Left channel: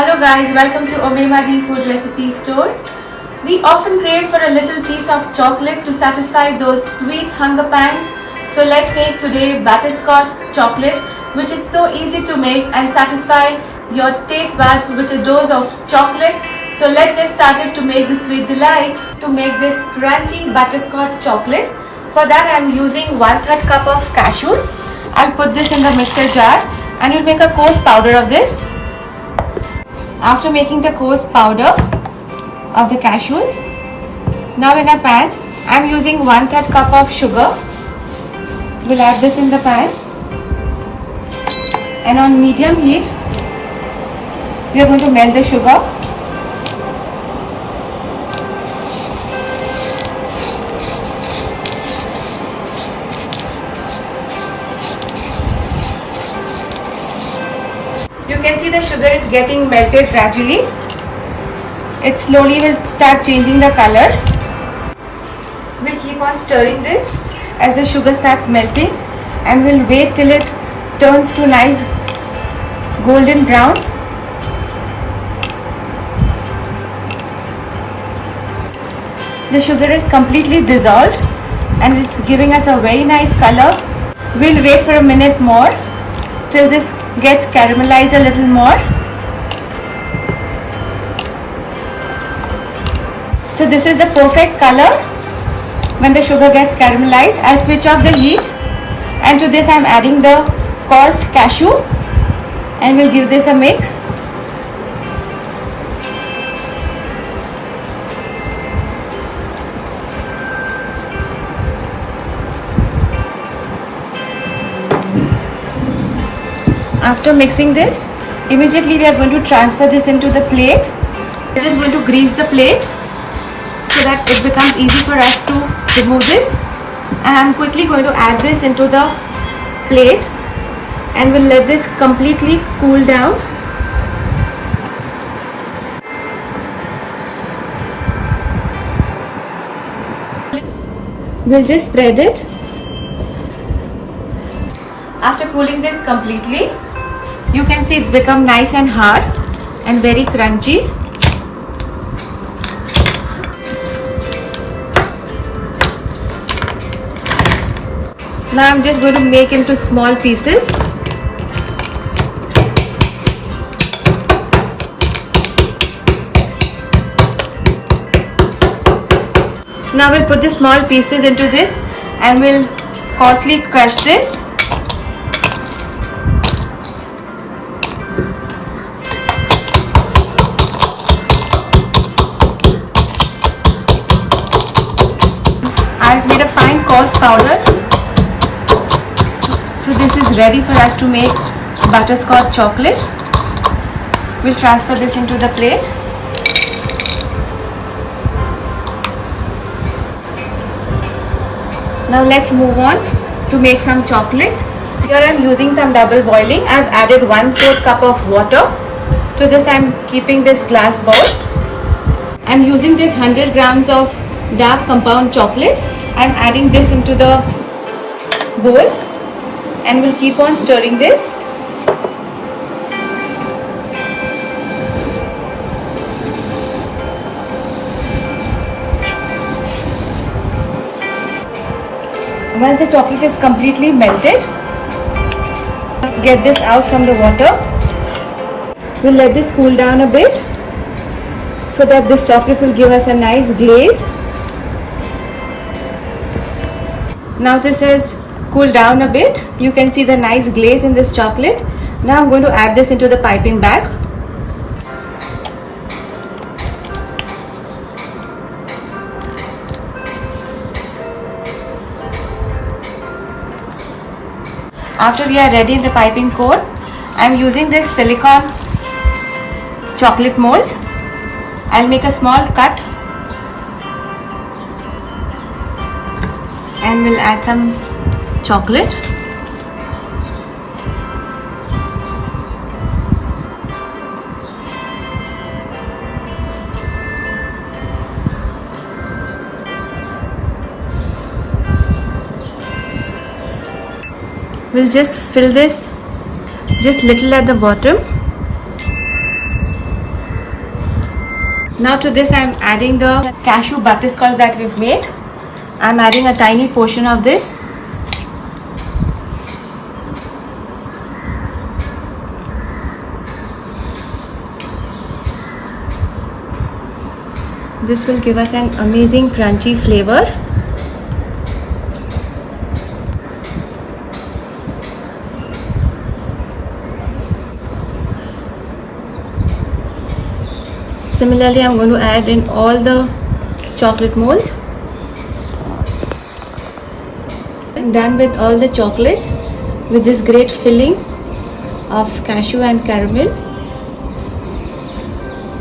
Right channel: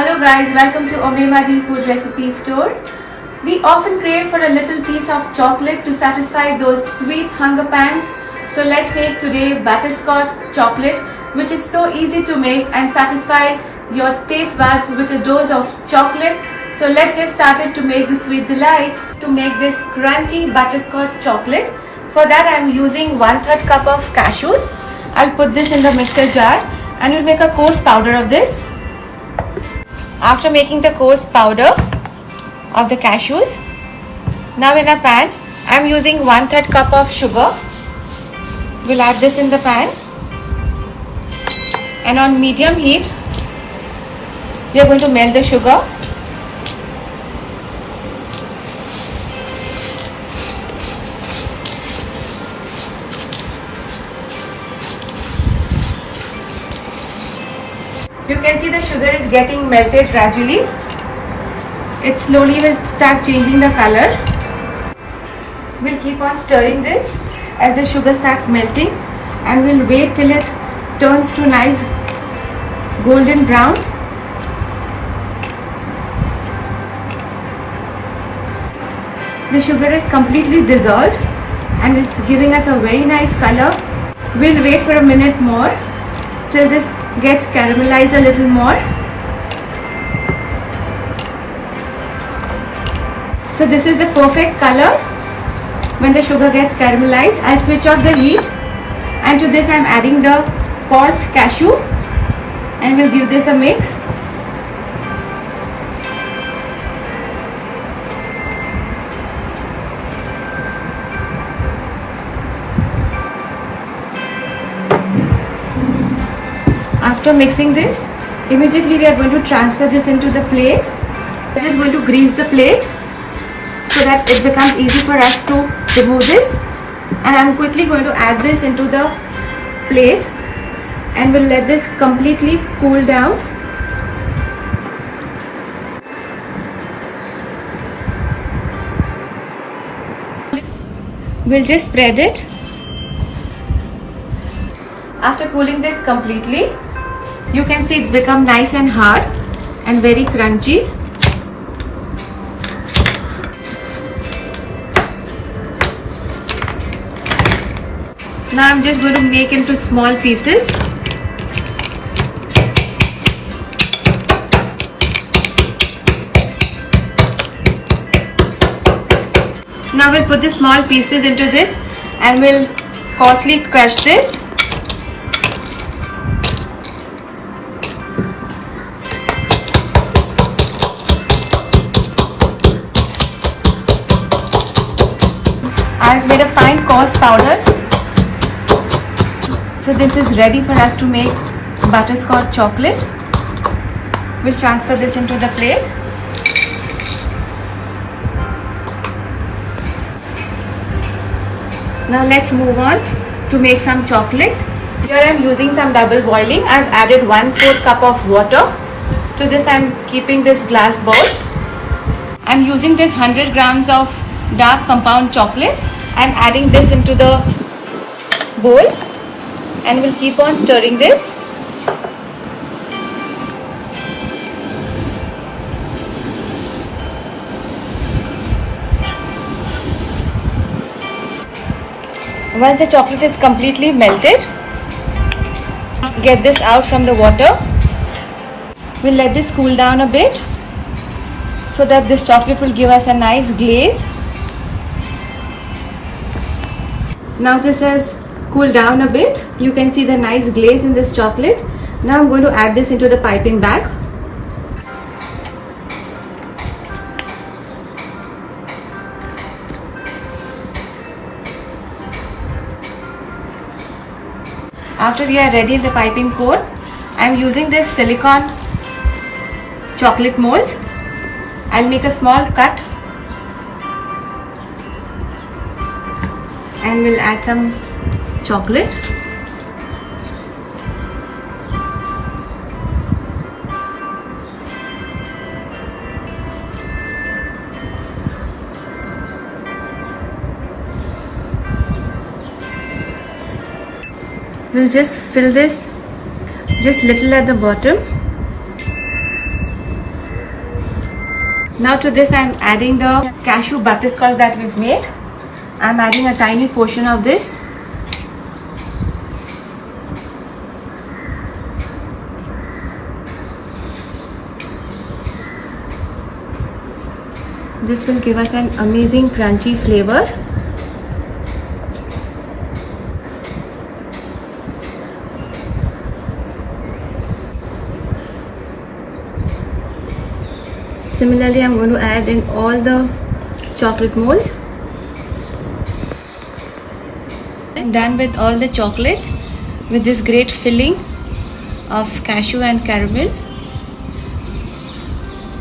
Hello guys, welcome to Omemadi Food Recipe Store. We often crave for a little piece of chocolate to satisfy those sweet hunger pangs. So let's make today butterscotch chocolate, which is so easy to make and satisfy your taste buds with a dose of chocolate. So let's get started to make the sweet delight. To make this crunchy butterscotch chocolate, for that I am using 1/3 cup of cashews. I'll put this in the mixer jar and we'll make a coarse powder of this. After making the coarse powder of the cashews, now in a pan I'm using 1/3 cup of sugar. We'll add this in the pan and on medium heat we are going to melt the sugar. You can see the sugar is getting melted gradually. It slowly will start changing the color. We'll keep on stirring this as the sugar starts melting and we'll wait till it turns to nice golden brown. The sugar is completely dissolved and it's giving us a very nice color. We'll wait for a minute more till this gets caramelized a little more. So this is the perfect color when the sugar gets caramelized. I'll switch off the heat and to this I'm adding the coarse cashew and we'll give this a mix. After mixing this, immediately we are going to transfer this into the plate. We're just going to grease the plate so that it becomes easy for us to remove this. And I'm quickly going to add this into the plate and we'll let this completely cool down. We'll just spread it. After cooling this completely, you can see it's become nice and hard and very crunchy. Now I'm just going to make into small pieces. Now we'll put the small pieces into this and we'll coarsely crush this. I've made a fine coarse powder. So this is ready for us to make butterscotch chocolate. We'll transfer this into the plate. Now let's move on to make some chocolates. Here I'm using some double boiling. I've added 1/4 cup of water. To this I'm keeping this glass bowl. I'm using this 100 grams of dark compound chocolate. I'm adding this into the bowl and we'll keep on stirring this. Once the chocolate is completely melted, get this out from the water. We'll let this cool down a bit so that this chocolate will give us a nice glaze. Now this has cooled down a bit. You can see the nice glaze in this chocolate. Now I'm going to add this into the piping bag. After we are ready in the piping cone, I'm using this silicone chocolate molds. I'll make a small cut and we'll add some chocolate. We'll just fill this just little at the bottom Now to this I'm adding the cashew butterscotch that we've made. I'm adding a tiny portion of this. This will give us an amazing crunchy flavor. Similarly, I'm going to add in all the chocolate molds. I'm done with all the chocolates with this great filling of cashew and caramel.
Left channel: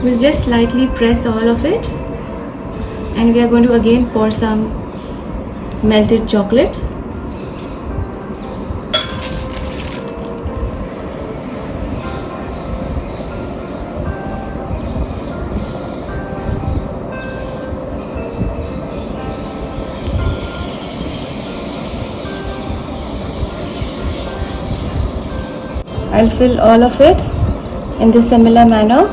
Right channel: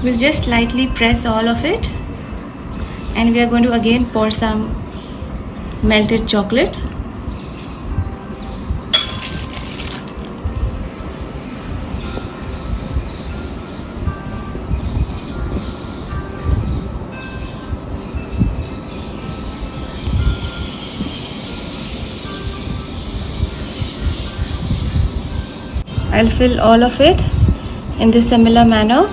We'll just slightly press all of it, and we are going to again pour some melted chocolate. I'll fill all of it in this similar manner.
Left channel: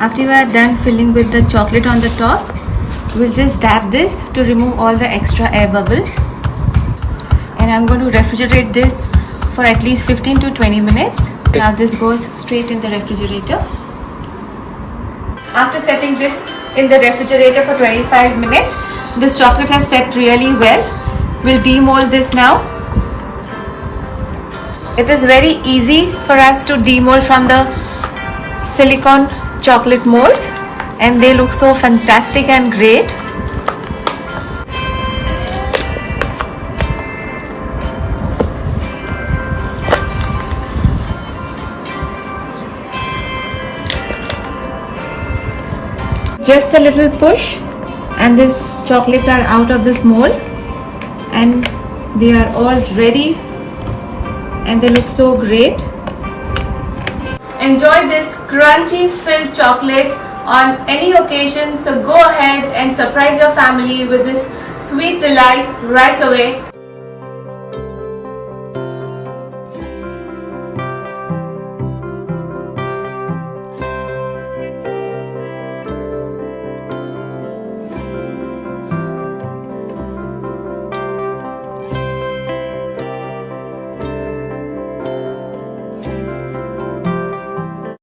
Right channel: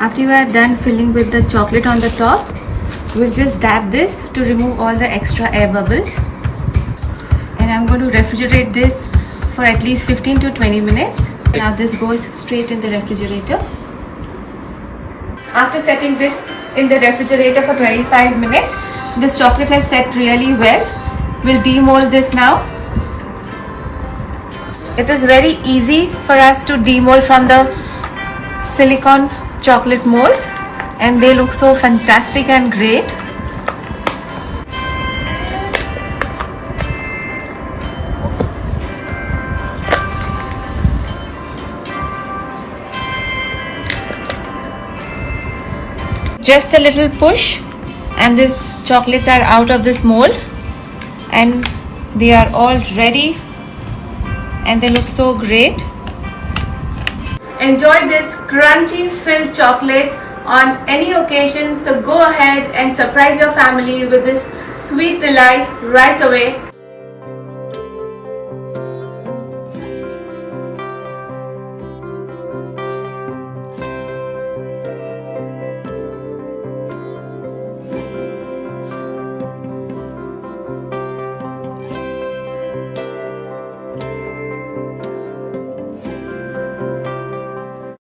After you are done filling with the chocolate on the top, we'll just dab this to remove all the extra air bubbles. And I'm going to refrigerate this for at least 15 to 20 minutes. Now this goes straight in the refrigerator. After setting this in the refrigerator for 25 minutes, this chocolate has set really well. We'll demold this now. It is very easy for us to demold from the silicone chocolate molds, and they look so fantastic and great. Just a little push and these chocolates are out of this mold, and they are all ready and they look so great. Enjoy this crunchy filled chocolate on any occasion, so go ahead and surprise your family with this sweet delight right away.